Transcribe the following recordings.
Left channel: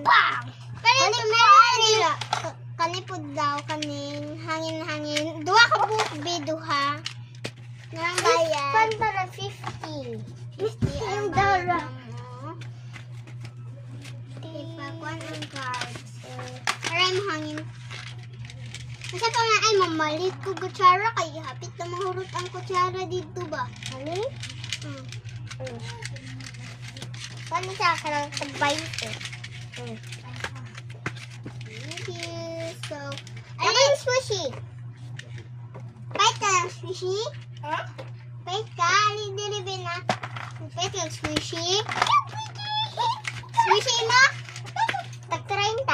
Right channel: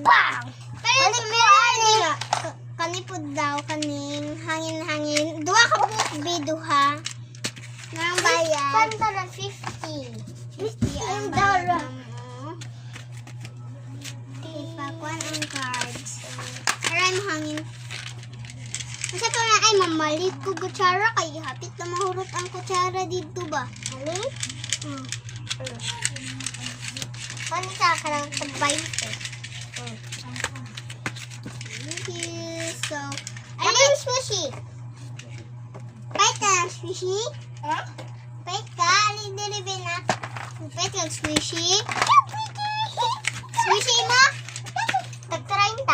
Bang! Pero meron kanipod daw kaning hangin-hangin. Duha ka bukbi duha. Nang bayad. Panta na 50. 50 ang bayad mo. Ipakuan ang cards. Aray mo hangin. Kasi pa na ay mamalik ko kutsara kay hapit na mahurot ang kutsara dito ba? Hali? Hmm. Paano sa karang tag-20? Thank you. So, Ano yung sushi? bait ka ng squishy? Eh? Bait ka? Alin na. Bait ka ng squishy? Squishy mo? Tag-30.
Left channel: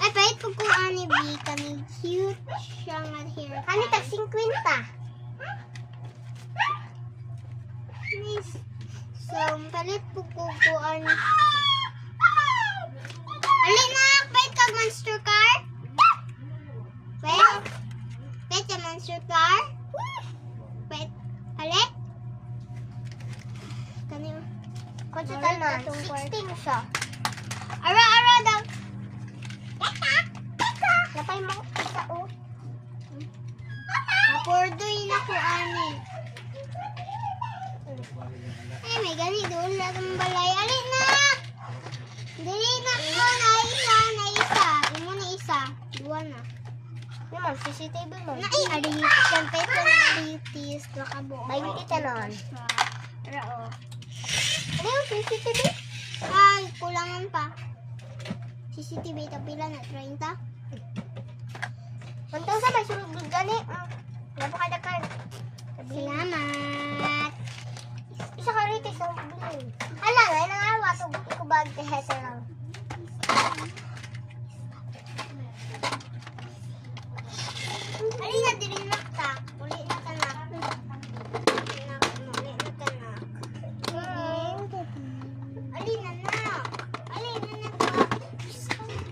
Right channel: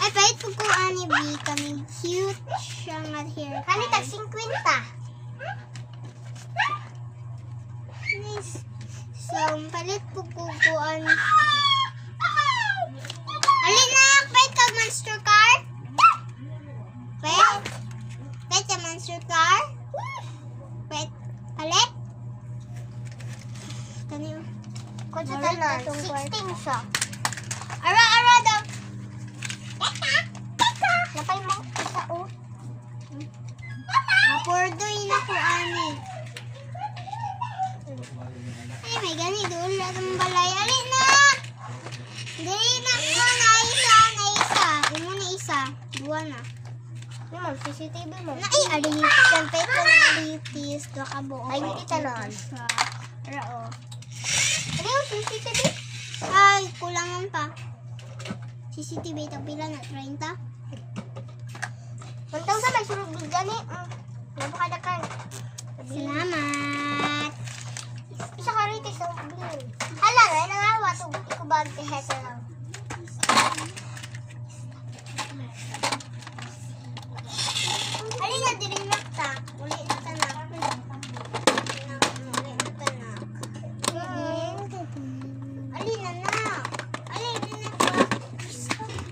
Ay, bait ko ko ani B. Kami cute siya nga hair. Kani tag-50. Nice. So, palit po ko ani. Alin na, bait ka monster car? Bait? Bait ka monster car? Bait? Palit? Kani. Kung sa tanon, 16 siya. Ara daw. Napay mo isa o. Mapurdoy na ko ani. Ay, may gani doon lang ang balay. Alin na! Dili na ko na isa. Imo na isa. Dua na. Yung ma'am, CCTV mo. Na ay, aritis. Yan, pwede ko na aritis. Dua ka buo. Ay, hindi tanon. Ara o. Ano yung CCTV? Ay, kulangan pa. CCTV tapila na 30. Untang sa may sunod gani. Napakadakan. Salamat. Isa ka rito sa bilin. Hala, nangangawa. Tugot ko ba ang lang.